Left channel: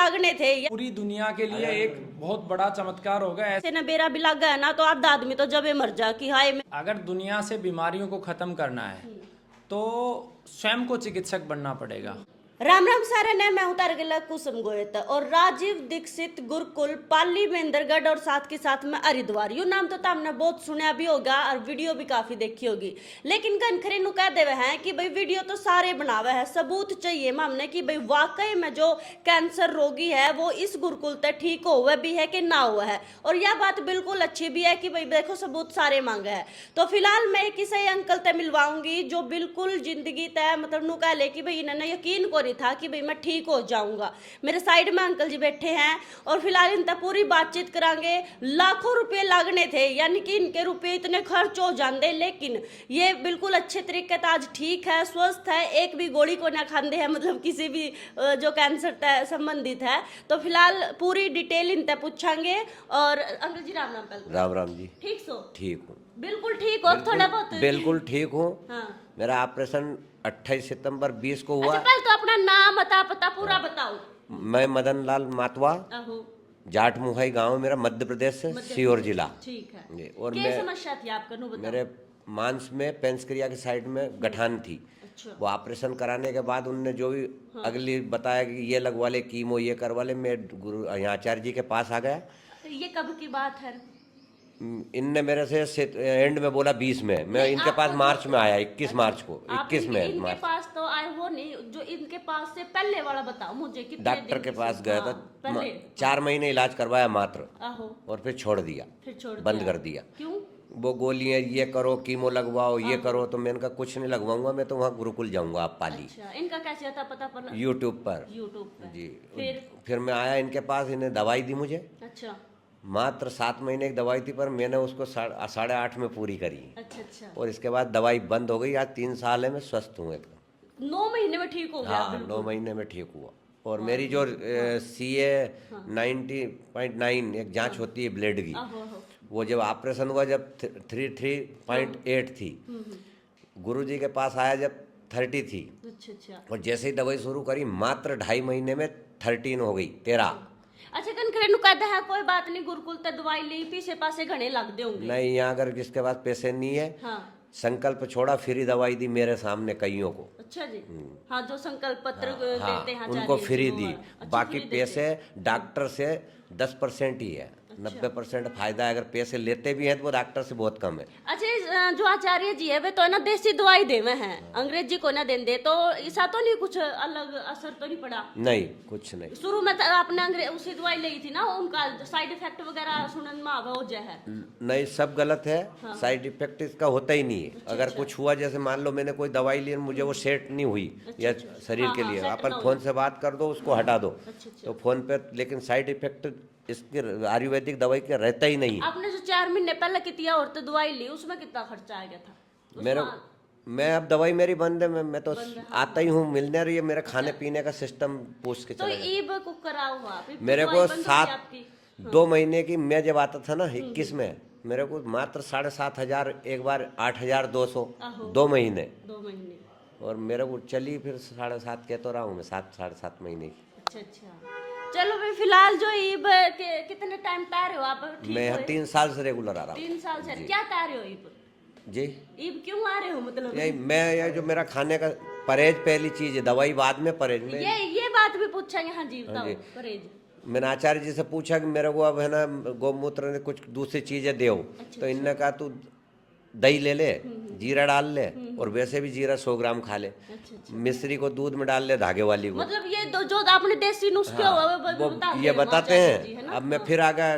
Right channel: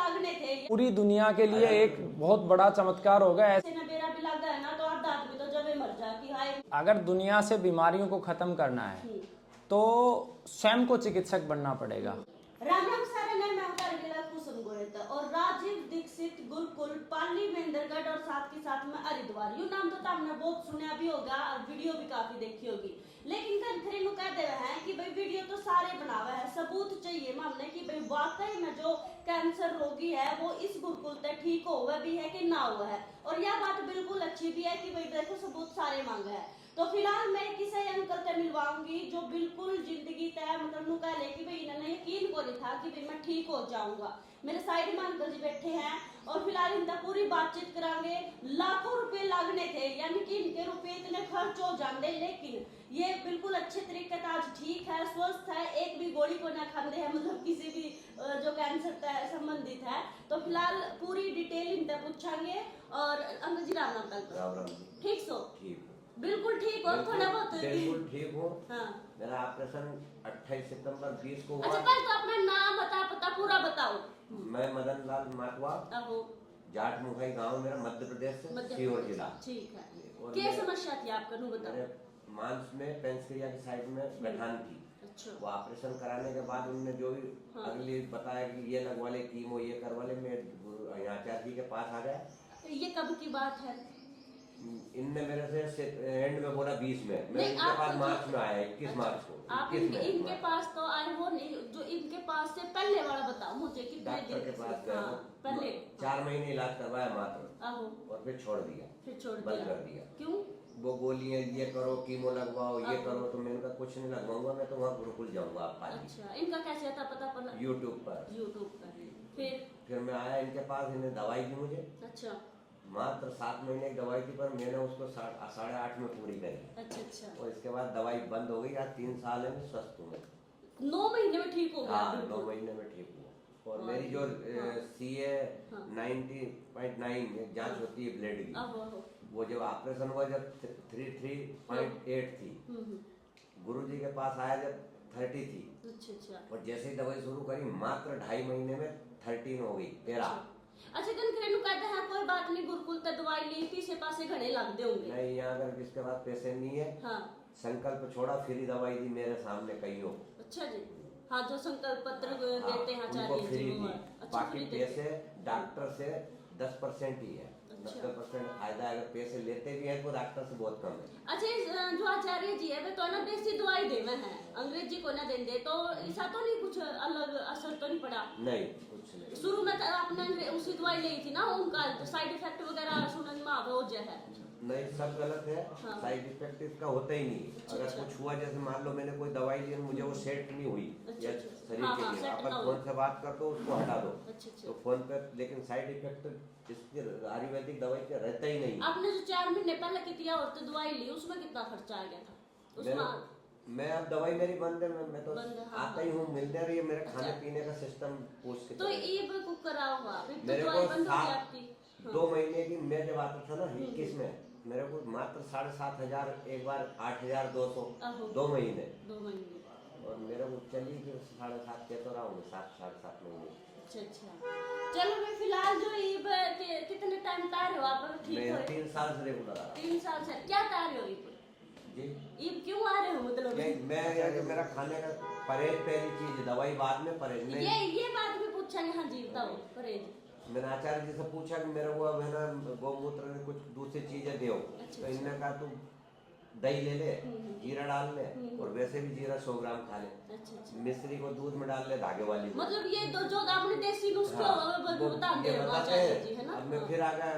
लागने थे। पूरी दुनिया के लिए एक बहुत बड़ा चमत्कार होगा। ऐसे न बेरा भी लग गया ना तो आधा आदमी तो जबे मर जा कि हाय अगर दुनिया से बीमारियों को खत्म करना है तो स्वयं को चिकित्सक बनना पड़ेगा। राम राम सारे ने मैं उतार गिला कुसुम गोयत और राजीव दीक्षित गुरुकुल पाली महेंद्रगढ़ और साथ के साथ में हरिद्वार यू नाम तो हमने बहुत सुना भी होगा और वीडियो भी काफी देखी होगी। लेकिन कनखरे नु कह देवे हैं कि भाई वीडियो तो सारे बनावे है, सबूत चाहिए हमने कि भाई वाकई में जो कैंसर रोगी है वो इस गुरुकुल तक ठीक हुआ भी है कि ना हुआ है। और यह बात बिल्कुल अच्छी भी है कि भाई देखो सबूत सारे मांगे है। तो फिलहाल मैं किसी अंकल तय मिलवाऊंगी जो बिल्कुल जिंदगी तय मतलब नु कह ले कि भाई इन्होंने यकीन को था कि भाई मैं ठीक हो जाऊंगा। मेरे साइड में अंकल जी बैठे हैं और फिलहाल इनसे पूरी बातचीत करांगे। लाखों रुपए लगने थे यानी कि इनके रुपए इतने खर्च हो जाते, लेकिन ये बिल्कुल अच्छे तरीके से आज ठीक है, स्वस्थ है, एक भी गोली को ना खाते हैं, मतलब किसी भी जो कैंसर से संबंधित है। तो फिलहाल पूरी डिटेल इनसे पूछांगे। और अंकल जी राम राम। राम राम जी। ठीक सो? ठीक हूँ, बिल्कुल ठीक हो? थोड़ा बहुत बिल्कुल ठीक हूँ। हाँ। मेरा ऑपरेशन 28 सितंबर 20 को हुआ। अच्छा पहले तो अपना नाम पता पूरा बताओ। मैं मदन लाल मातवा, आहो। जाट मुहाई गांव मेरा, मध्य प्रदेश से, सीहोर जिला। ठीक है जी। और क्या समस्या थी आपको नु बताओ। मेरे मांस में पेंसक्रिया की साइड में गठान थी। अच्छा। वो ऑपरेशन कराने के बाद उनने जो भी अगली बताया कि ये लगवा ले, कीमो ये करवा ले, मैं गुरु यहाँ आचार्य जी के पास आ गया। तो ये कब की बात है? इनने मेरे से एंड में बोला 20 में, मैं इनके पास मार्च में आया, 21 मार्च को, 21 में इनके मार्च। पास तो आए हो नहीं, जो इनके पास से पहले वाला बताओ मुझे। कितने डॉक्टर दिन के पास से? गया हाँ, था, पहले 4 महीने इलाज करवाया मात्र, आहो। और फिर छोड़ दिया, फिर छोड़ बंद दिया। कर दिया। क्यों? वो गोलियां ये करो, कीमो लगवाओ, ये करो, तो मैंने कहा कुछ नहीं लगवाऊंगा, मैं तो वहाँ गुरुकुल जाऊंगा आप पाली। अच्छा, इनका कैसे था पता पर? यूट्यूब पर। यूट्यूब पे। जी। फिर मैं आया इनके पास, इन्हें दवाई दी मुझे। अच्छा मात्र 7 महीने की दवाई थी, पर मैंने उसको 8.5 में पूरी करी। अच्छा। और इसके बाद दवाई बंद हो गई। आज 3 साल है मैं स्वस्थ हूँ एकदम। 9 महीने में ठीक हो गया? हाँ, 9 महीने में ठीक हुआ। और मेरी जो CA 90.9 एक जांच होती है ब्लड की, वो जब ऑपरेशन हुआ जब 33.8 थी, गुरुजी के पास आया जब 30 थी। अच्छा। और जैसे ही दवाई शुरू करी मात्र 2.5 महीने में 13 हो गई, 13। अच्छा कनखरे नु कहते हैं कोई बात नहीं, गुरुकुल ते दवाई ली, पीछे पासे घने लग दे होंगे। नहीं, यहाँ अगर किसके पास पैसे नहीं है, हाँ। संकल्प छोड़ा, फ्री दवाई दी मेरे सामने कईयों को। अच्छा जी। हाँ, जो संकल्प पत्र हाँ, देते हैं उनको आचार्य फ्री जी, दी। अच्छा, बाकी फ्री देते पैसे डॉक्टर से 10% ही है, 90% फायदा है। अगर पैसे लेते भी हैं तो वो डॉक्टर से बहुत कम है। अच्छा, जो आचार्य जी है वे तो है ना देसी दवाई देवे हैं, अंग्रेजी को ना देंदे, तो ऐसा तो नहीं कुछ अलग असर तो नहीं पड़ा? नहीं, कुछ नहीं। शुरू में तो आपने उसी दवाई ली थी ना, उनका साइड इफेक्ट वगैरह सुनने में आवे हो जाए है? नहीं, सब गलत है। साइड इफेक्ट इसका होता ही नहीं है। अगर कुछ हुआ, जैसे मान लो मैंने कोई दवाई ली, मुझे वो सेट नहीं हुई या शरीर के लिए, अपन फोन से बात कर दो, उसको हटा दो तो फोन पे, लेकिन साइड इफेक्ट इसकी आयुर्वेदिक दवाई का रहता ही नहीं। आपने जो 4 महीने पहले कितनी और तो दवाई ली, उसमें कितना खर्चा आ गया था? मेरे मैं अब दवाई मेरी बंद है, मैं तो आता ही हूँ मिलने रही है। मेरा खाने पीने का सिस्टम पूछ के तो चला जाए। ईब को कराओ आप, मेरे को 2 महीने की, मैं जब आता था ना 21 में, मेरे को मात्र 7,500, एक बार 8,200, 2 महीने। 2 महीने। और मेरे को चली फिर 7.5 कह तो रहा हूँ मैं, 7-7.5 महीने। अच्छा। चलो भाई फिलहाल जो ईब कितने टाइम तैयार रहे हो आप? मैं यहाँ 3 साल से रेगुलर आ रहा हूँ। 3 साल से क्या तैयार रहे हो ईब? जी। ईब क्यों आ रहे हो मतलब? यही मैं, ये जो मेरा खाने का परहेज पहली चीज है, दवाई बाद में, परहेज में। ये बात भी पूछेंगे। हाँ जी बताओ। परहेज मैंने आचार्य जी से पूछा कि मेरे को अब है ना गौमूत्र ने कुछ दूसरी चीजें दो। तो इनने कहा तू दही ले ले, जीरा डाल ले, और वैसे भी जीरा 100 ग्राम खा ले, मिश्री को दूध में डाल ले, धागे वाली को। मतलब ये जो आपने देसी नुस्खे वो ये बताते हैं। अब मैं फिर आ गया,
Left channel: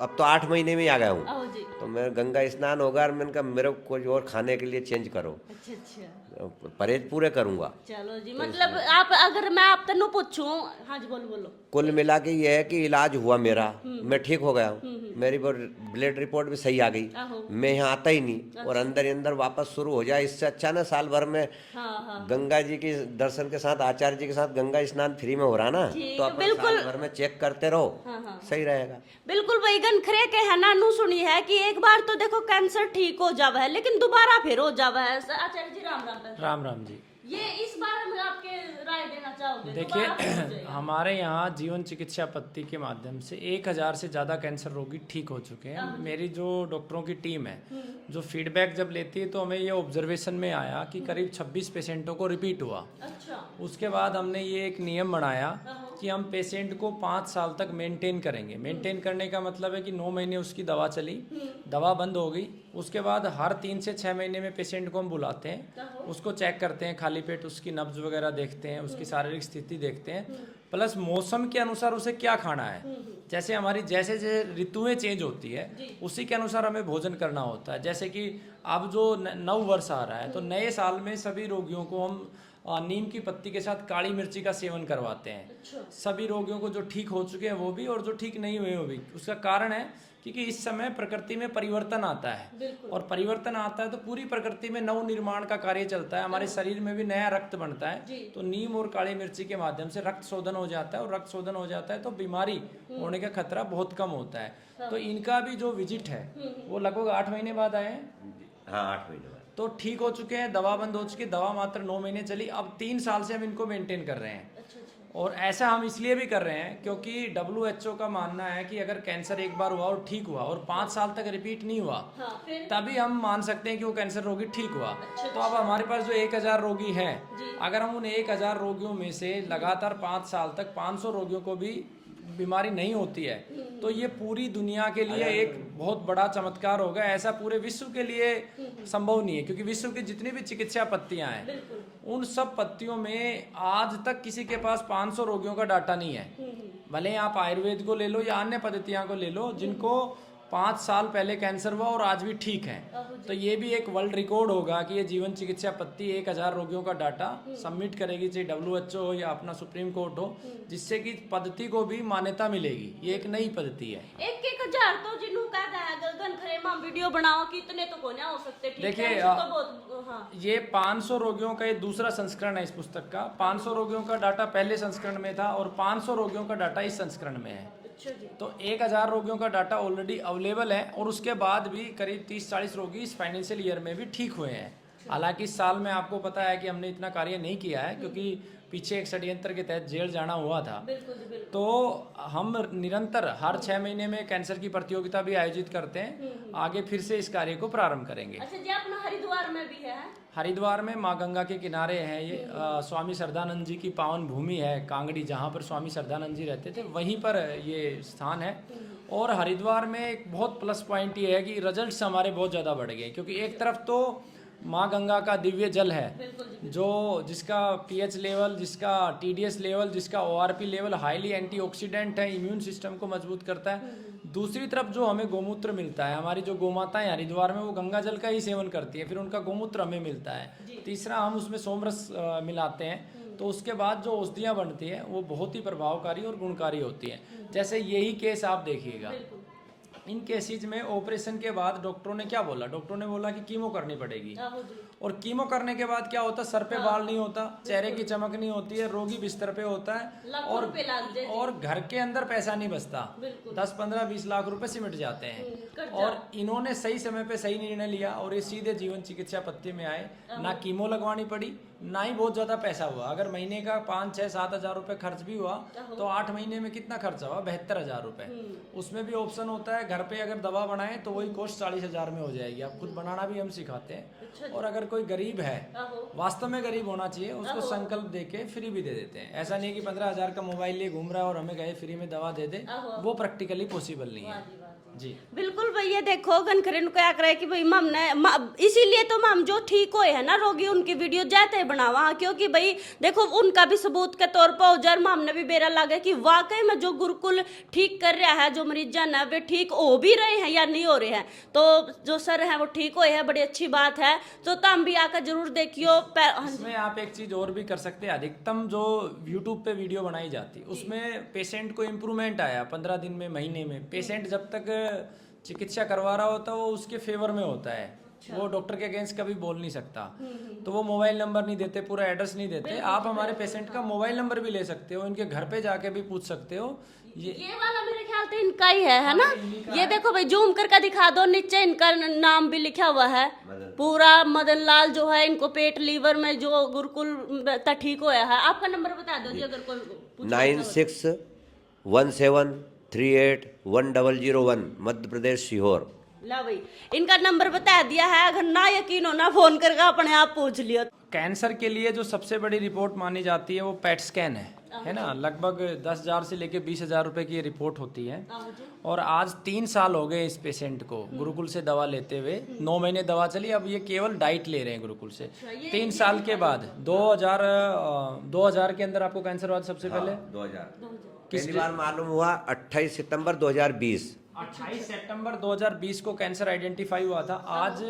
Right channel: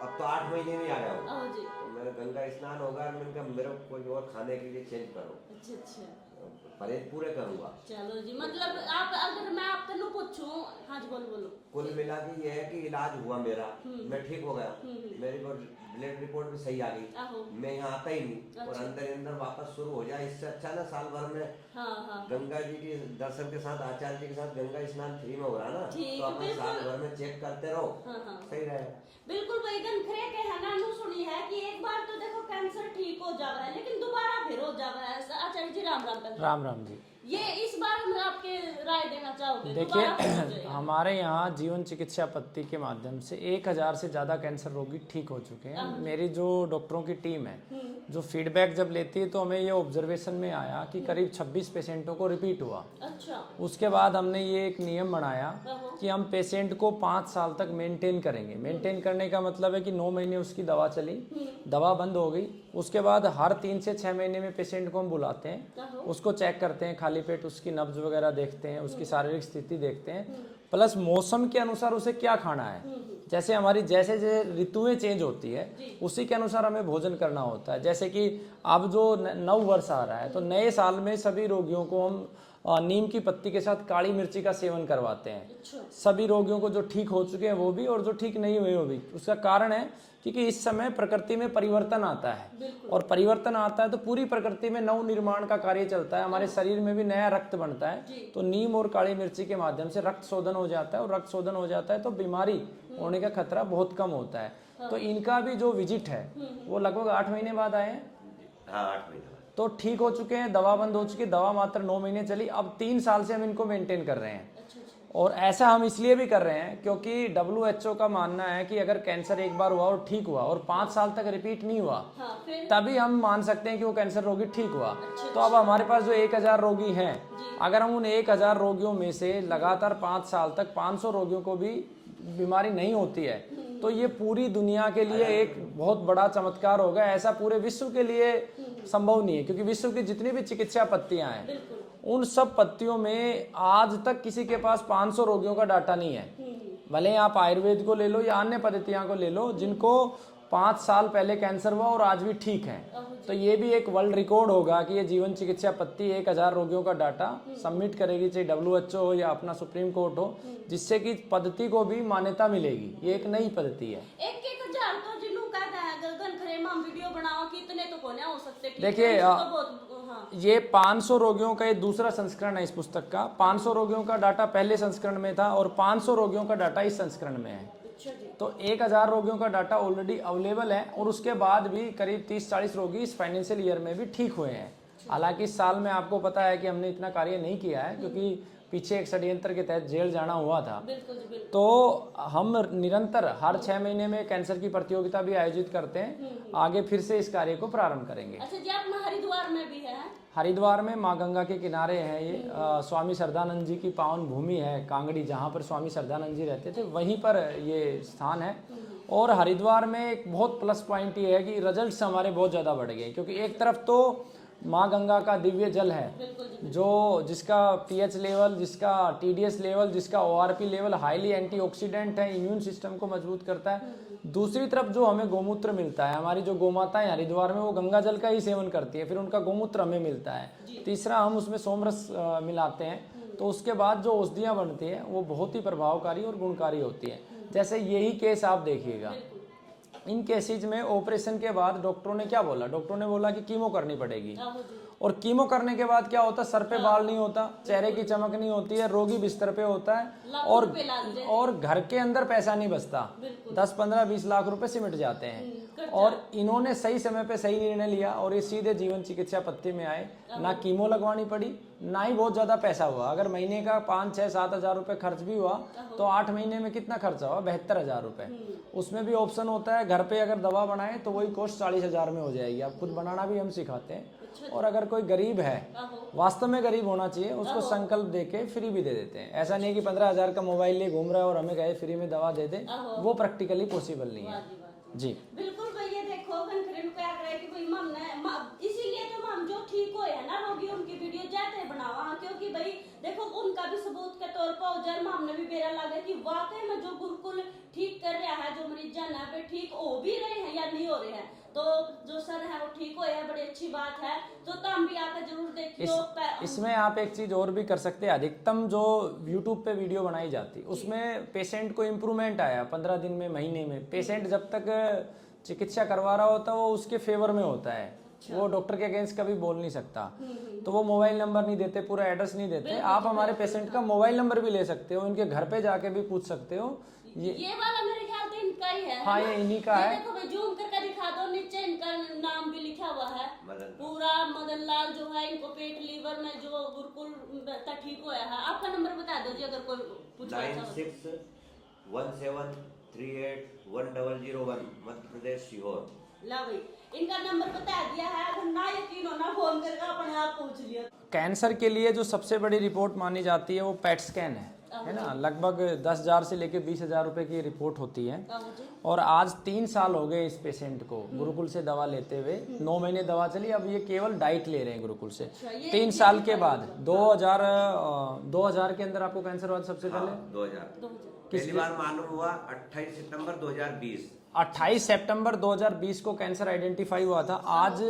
अब तो 8 महीने में ही आ गया हूँ। तो मैं गंगा स्नान होगा, और मैंने कहा मेरे को कुछ और खाने के लिए चेंज करो। अच्छा। परहेज पूरे करूंगा। चलो जी, मतलब आप अगर मैं आप तनु पूछूं। हाँ जी बोलो। कुल मिला के ये है कि इलाज हुआ मेरा, मैं ठीक हो गया हूँ। मेरी ब्लड रिपोर्ट भी सही आ गई। मैं यहाँ आता ही नहीं, और अंदर ही अंदर वापस शुरू हो जाए। इससे अच्छा ना साल भर में गंगा जी के दर्शन के साथ, आचार्य जी के साथ गंगा स्नान फ्री में हो रहा ना, तो अपन साल भर में चेक करते रहो, सही रहेगा। बिल्कुल वैगन खरे के है ना, नु सुनी है कि एक बार तो देखो कैंसर ठीक हो जावा है, लेकिन दोबारा फिर हो जावा है। आचार्य जी राम राम। राम राम जी। ये इस बारे में आपके राय देना चाहोगे? देखिए हमारे यहाँ जीवन चिकित्सा पद्धति के माध्यम से 1000 से ज़्यादा कैंसर रोगी ठीक हो चुके हैं। मेरी जो डॉक्टरों की टीम है जो फीडबैक जब लेती है तो हमें ये ऑब्जर्वेशन में आया कि करीब 26 पेशेंटों को रिपीट हुआ। अच्छा। उसके बाद हमने ये एक नियम बनाया कि हम पेशेंट को 5 साल तक मेंटेन करेंगे। मेंटेन करने का मतलब है कि 9 महीने उसकी दवा चली, दवा बंद हो गई, उसके बाद हर 3 से 6 महीने में पेशेंट को हम बुलाते हैं, उसको चेक करते हैं, खाली पेट उसकी नब्ज वगैरह देखते हैं, उसकी शारीरिक स्थिति देखते हैं, प्लस मौसम के अनुसार उसे क्या खाना है। जैसे हमारी जैसे ऋतुएं चेंज होती है उसी के अनुसार हमें भोजन करना होता है। जैसे कि अब जो नव वर्ष आ रहा है तो नए साल में सभी रोगियों को हम नीम की पत्ती के साथ काली मिर्ची का सेवन करवाते हैं। सभी रोगियों को जो ठीक हो चुके हैं वो भी और जो ठीक नहीं हुए वो भी। उसका कारण है क्योंकि इस समय प्रकृति में परिवर्तन आता है और परिवर्तन आता है तो पूरी प्रकृति में नव निर्माण का कार्य चलता है, हमारे शरीर में भी नया रक्त बनता है। तो नीम और काली मिर्ची के माध्यम से रक्त शोधन हो जाता है और रक्त शोधन हो जाता है तो बीमारी होने का खतरा बहुत कम होता है। तो इनका भी जो विजिट है वो लगभग 8 महीने बाद आए हैं। हाँ 8 महीने बाद तो ठीक हो चुके हैं, दवा बंद हो चुकी है, दवा मात्र 9 महीने चली, अब 3 साल से हम इनको मेंटेन कर रहे हैं। और ऐसा हम इसलिए भी कर रहे हैं क्योंकि WHO का मानना है कि अगर कैंसर एक बार हुआ और ठीक हुआ और 5 साल तक रिपीट नहीं हुआ तभी हम मान सकते हैं कि वो कैंसर रोगी ठीक हुआ। तो अब हमारे पास जो 1000 रोगी हैं, अगर हम उन 1000 रोगियों में से लगातार 5 साल तक 500 रोगियों को भी बीमारी नहीं होती है तो ये पूरी दुनिया के लिए एक बहुत बड़ा चमत्कार होगा। ऐसा पूरे विश्व के लिए संभव नहीं है क्योंकि विश्व की जितनी भी चिकित्सा पद्धतियां हैं उन सब पद्धतियों में आज तक किसी के पास 500 रोगियों का डाटा नहीं है। भले आप आयुर्वेद को ले लो या अन्य पद्धतियां को ले लो जिनको 5 साल पहले कैंसर हुआ और आज भी ठीक है। तो ये भी एक वर्ल्ड रिकॉर्ड होगा कि ये जीवन चिकित्सा पद्धति 1000 रोगियों का डाटा सबमिट करेगी, चाहे WHO हो या अपना सुप्रीम कोर्ट हो, जिससे कि पद्धति को भी मान्यता मिलेगी। ये एक नई पद्धति है। 1000 तो जिन्हों कहता है गगन खरे में वीडियो बनाओ कितने तो कोने हो सकते। देखिए ये 500 रोगियों का ये दूसरा संस्करण है इस पुस्तक का। 500 रोगियों का डाटा पहले संस्करण में था और 500 रोगियों का डाटा इस संस्करण में है। तो 1000 रोगियों का डाटा ऑलरेडी अवेलेबल है और उसके बाद भी करीब 30-40 रोगी इस फाइनेंशियल ईयर में भी ठीक हुए हैं। हालांकि इस साल में आपको पता है कि हमने इतना कार्य नहीं किया है क्योंकि पीछे एक षड्यंत्र के तहत जेल जाना हुआ था। तो हम निरंतर हर 6 महीने में कैंसर की प्रतियोगिता भी आयोजित करते हैं। आगे फिर से इस कार्य को प्रारंभ करेंगे। अच्छा जी, अपना हरिद्वार में भी है? हरिद्वार में माँ गंगा के किनारे है ये। स्वामी श्रद्धानंद जी की पावन भूमि है कांगड़ी, जहाँ पर स्वामी श्रद्धानंद जी रहते थे, वहीं पर ये स्थान है। और हरिद्वार में एक बहुत प्लस पॉइंट ये है कि रिजल्ट्स हमारे बहुत ज़्यादा बढ़ गए क्योंकि एक तरफ तो माँ गंगा का दिव्य जल है जो जिसका pH लेवल, जिसका TDS लेवल, जिसका ORP लेवल हाईली एंटीऑक्सीडेंट है, इम्यून सिस्टम को मजबूत करता है। दूसरी तरफ जो हमें गोमूत्र मिलता है, हमारी जो गोमाताएं हरिद्वार में वो गंगा जल का ही सेवन करती है, फिर उनका गोमूत्र हमें मिलता है। तीसरा हम उसमें सोमरस मिलाते हैं तो उसके बाद जो औषधियाँ बनती हैं वो बहुत ही प्रभावकारी और गुणकारी होती हैं। जैसे यही केस आप देखिएगा, इन केसेज में ऑपरेशन के बाद डॉक्टरों ने क्या बोला, डॉक्टरों ने बोला कि कीमो करनी पड़ेगी। और कीमो करने के बाद क्या होता है, सर पे बाल नहीं होता, चेहरे की चमक नहीं होती है, रोगी बिस्तर पे होता है और घर के अंदर पैसा नहीं बचता। 10, 15, 20 लाख रुपए सिमट जाते हैं। और इन्होंने सही समय पे सही निर्णय लिया और ये सीधे जीवन चिकित्सा पद्धति में आए। ना कीमो लगवानी पड़ी, ना ही बहुत ज्यादा पैसा हुआ। अगर महीने का 5, 6, 7 हजार रुपए खर्च भी हुआ तो 8 महीने में कितना खर्चा हुआ, 72,000 रुपए। उसमें भी ऑप्शन होता है घर पे अगर दवा बनाए तो वही कॉस्ट 40,000 में हो जाएगी। आप खुद बनाना भी हम सिखाते हैं। और अगर कोई गरीब है, वास्तव में गरीब होना चाहिए, उसको संकल्प देके फ्री भी दे देते हैं। ऐसा नहीं कि 15,000 का मोबाइल लिए घूम रहा है और हमें कहे फ्री में दवा दे दे, वो प्रैक्टिकली पॉसिबल नहीं है जी। बिल्कुल भैया, देखो गनखरे क्या करे कि भाई मम ने इसीलिए तो मम जो ठीक हुए है ना रोगी उनकी वीडियो जाते बनावा, क्योंकि भाई देखो उनका भी सबूत के तौर पर उजर मम ने भी बेरा लगा कि वाकई में जो गुरुकुल ठीक कर रहा है, जो मरीज है वे ठीक हो भी रहे हैं या नहीं हो रहे हैं। तो जो सर है वो ठीक हुए हैं, बड़ी अच्छी बात है। तो तुम भी आकर जरूर देखियो। इसमें आप एक चीज और भी कर सकते हैं। अधिकतम जो यूट्यूब पे वीडियो बनाई जाती उसमें पेशेंट को इम्प्रूवमेंट आया 15 दिन में, महीने में। पेशेंट जब तक चिकित्सा करवा रहा होता है वो उसके फेवर में होता है, वो डॉक्टर के अगेंस्ट कभी बोल नहीं सकता। तो वो मोबाइल नंबर नहीं देते, पूरा एड्रेस नहीं देते। आप हमारे पेशेंट का मोबाइल नंबर भी ले सकते हो, इनके घर पे जाके भी पूछ सकते हो। ये वाला मेरे ख्याल तो इनका ही है हाँ, ना? ये इन्हीं का ये है। देखो भाई, जूम करके दिखा दो, नीचे इनका नाम भी लिखा हुआ है पूरा। मदन लाल जो है, इनको पेट लीवर में जो गुरुकुल ठीक होया है। आपका नंबर बता दो जी, अगर कोई पूछना चाहे तो। 9617381001 मध्य प्रदेश सीहोर। ला भाई, इनका नंबर बता दिया है, अगर ना यकीन हो ना फोन करके अपने आप पूछ लियो। कैंसर के लिए जो सबसे बड़ी रिपोर्ट मानी जाती है वो पेट स्कैन है ना। लगभग 10,000 से लेके 20,000 रुपए की रिपोर्ट होती है। और आज 3 साल हो गए इस पेशेंट को गुरुकुल से दवा लेते हुए। 9 महीने दवा चली, अब ये केवल डाइट ले रहे हैं गुरुकुल से। 3 साल के बाद 2000 के अंदर आपको कैंसर हुआ था सबसे पहले। 2000 पहली बार मालूम हुआ 28 सितंबर 2020। 28 सितंबर 2020 को कैंसर आइडेंटिफाई हुआ था। आज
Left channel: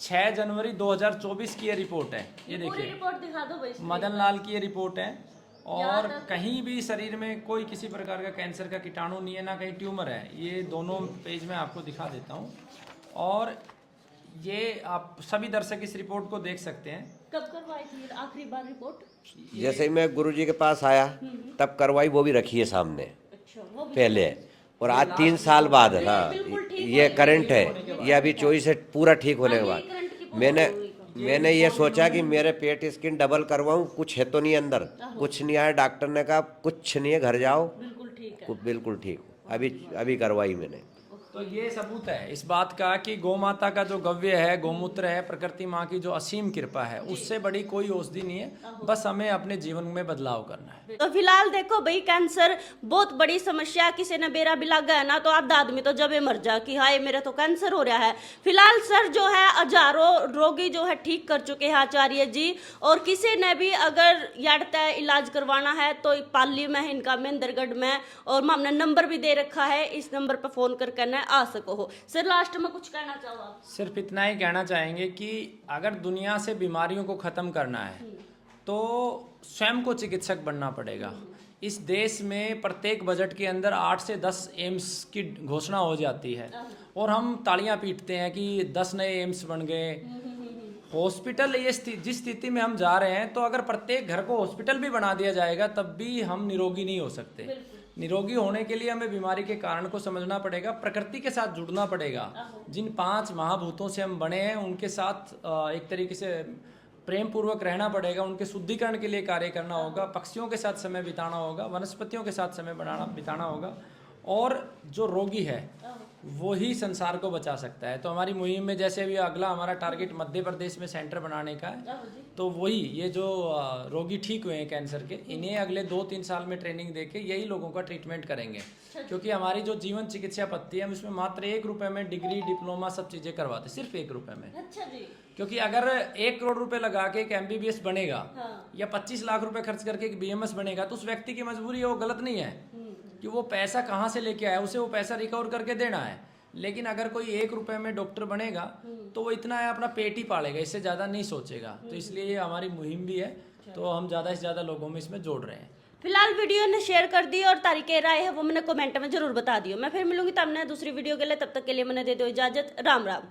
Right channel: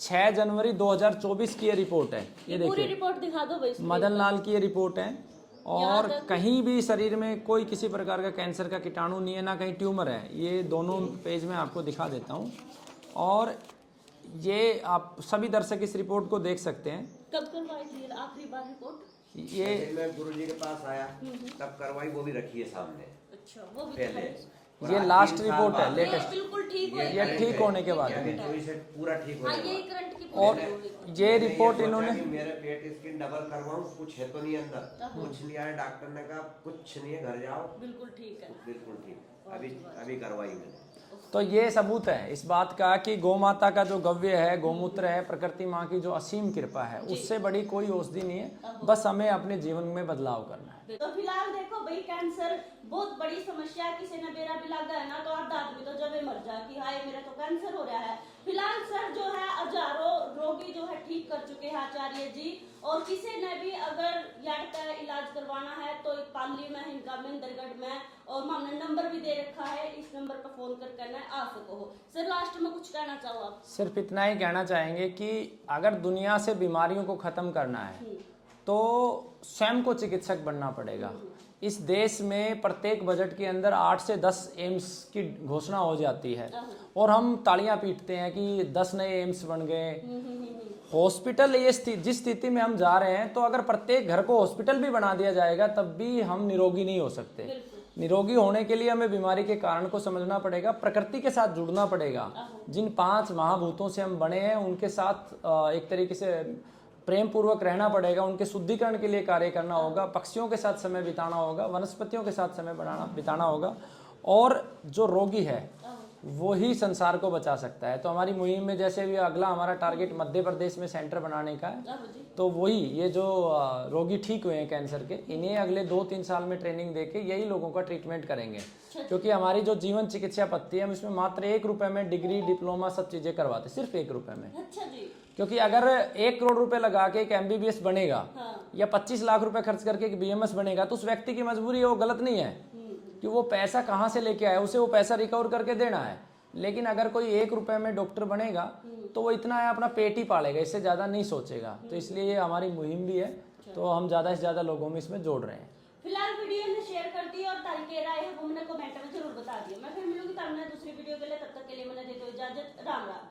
6 जनवरी 2024 की ये रिपोर्ट है। ये पूरी देखिए, रिपोर्ट दिखा दो भाई। मदन लाल की ये रिपोर्ट है। और कहीं भी शरीर में कोई किसी प्रकार का कैंसर का कीटाणु नहीं है, ना कहीं ट्यूमर है। ये दोनों पेज में आपको दिखा देता हूँ। और ये आप सभी दर्शक इस रिपोर्ट को देख सकते हैं। कब करवाई थी आखिरी बार रिपोर्ट? जैसे ही मैं गुरुजी के पास आया तब करवाई, वो भी रखी है सामने अच्छा, वो भी पहले। और ये आज last 3 साल report बाद, है। हाँ, बिल्कुल ठीक ये करंट ठीक होने के है। बाद। ये अभी 24 से पूरा ठीक होने के हाँ, बाद ये करंट की मैंने ये मैंने ये रिपोर्ट सोचा इन्होंने- कि मेरे पेट स्किन डबल करवाऊं, कुछ है तो नहीं अंदर। कुछ नहीं आया, डॉक्टर ने कहा कुछ नहीं है, घर जाओ। बिल्कुल ठीक है। बिल्कुल ठीक। अभी करवाई मैंने। तो ये सबूत है इस बात का कि गौ माता का जो गव्य है, गौमूत्र है, प्रकृति माँ की जो असीम कृपा है, उससे बड़ी कोई औषधि नहीं है। बस हमें अपने जीवन में बदलाव करना है। तो फिलहाल देखो भाई, कैंसर बहुत बड़ी समस्या है। किसी ने बेरा भी लग गया ना तो आधा आदमी तो जबे मर जा कि हाय मेरा तो कैंसर हो रहा है। फिलहाल सर जो है हजारों रोगी जो है ठीक कर चुके हैं आचार्य जी। और किसी ने भी अगर याडता इलाज करवाना है तो पाली में है इनका, महेंद्रगढ़ में। और हमने नंबर भी दे रखा है, इस नंबर पर फोन करके आ सको हो। सर लास्ट में कुछ कहना चाहो आप? सिर्फ इतना ही कहना चाहेंगे कि अगर दुनिया से बीमारियों को ख़त्म करना है तो स्वयं को चिकित्सक बनना पड़ेगा। इस देश में प्रत्येक बजट के अंदर 8 से 10 एम्स की घोषणा हो जाती है और हम तालियां पीटते हैं कि 10 नए एम्स बन गए। हॉस्पिटल ये जिस स्थिति में हम जा रहे हैं, तो अगर प्रत्येक घर को हॉस्पिटल भी बना दिया जाएगा तब भी हम निरोगी नहीं हो सकते। निरोगी होने के लिए हमें बीमारी के कारण को समझना पड़ेगा, प्रकृति के साथ जुड़ना पड़ेगा। जिन 5 महाभूतों से हम बने हैं उनके साथ एक तरीके से प्रेम पूर्वक रहना पड़ेगा। उनके शुद्धिकरण के लिए कार्य करना होगा, पक्षियों के साथ समय बिताना होगा, वनस्पतियों के साथ समय बिताना होगा। और जो रोगी है वो ही संसार को बचा सकता है। तो हमारी मुहिम में जैसे भी अगला हमारा टारगेट मध्य प्रदेश में सेंटर बनाने का है, तो वही ये जो रोगी ठीक हुए हैं कैंसर के, इन्हें अगले 2-3 साल में ट्रेनिंग देके यही लोगों का ट्रीटमेंट करेंगे। क्योंकि हमारी जो जीवन चिकित्सा पद्धति है, हम इसमें मात्र 1 रुपये में डिग्री, डिप्लोमा सब चीज़ें करवाते, सिर्फ 1 रुपये में। अच्छा जी। क्योंकि अगर 1 करोड़ रुपए लगा के एक MBBS बनेगा या 25 लाख रुपए खर्च करके एक BMS बनेगा, तो उस व्यक्ति की मजबूरी है, वो गलत नहीं है कि वो पैसा कहाँ से लेके आया, उसे वो पैसा रिकवर करके देना है। लेकिन अगर कोई 1 रुपये में डॉक्टर बनेगा तो वो इतना है अपना पेट ही पालेगा, इससे ज़्यादा नहीं सोचेगा। तो इसलिए ये हमारी मुहिम भी है, तो हम ज़्यादा से ज़्यादा लोगों में इसमें जोड़ रहे हैं। फिलहाल वीडियो ने शेयर कर दी और तारीखें राय है वो मैंने कमेंट में जरूर बता दियो। मैं फिर मिलूंगी तब दूसरी वीडियो के लिए, तब तक के लिए मैंने दे दो इजाजत। राम राम।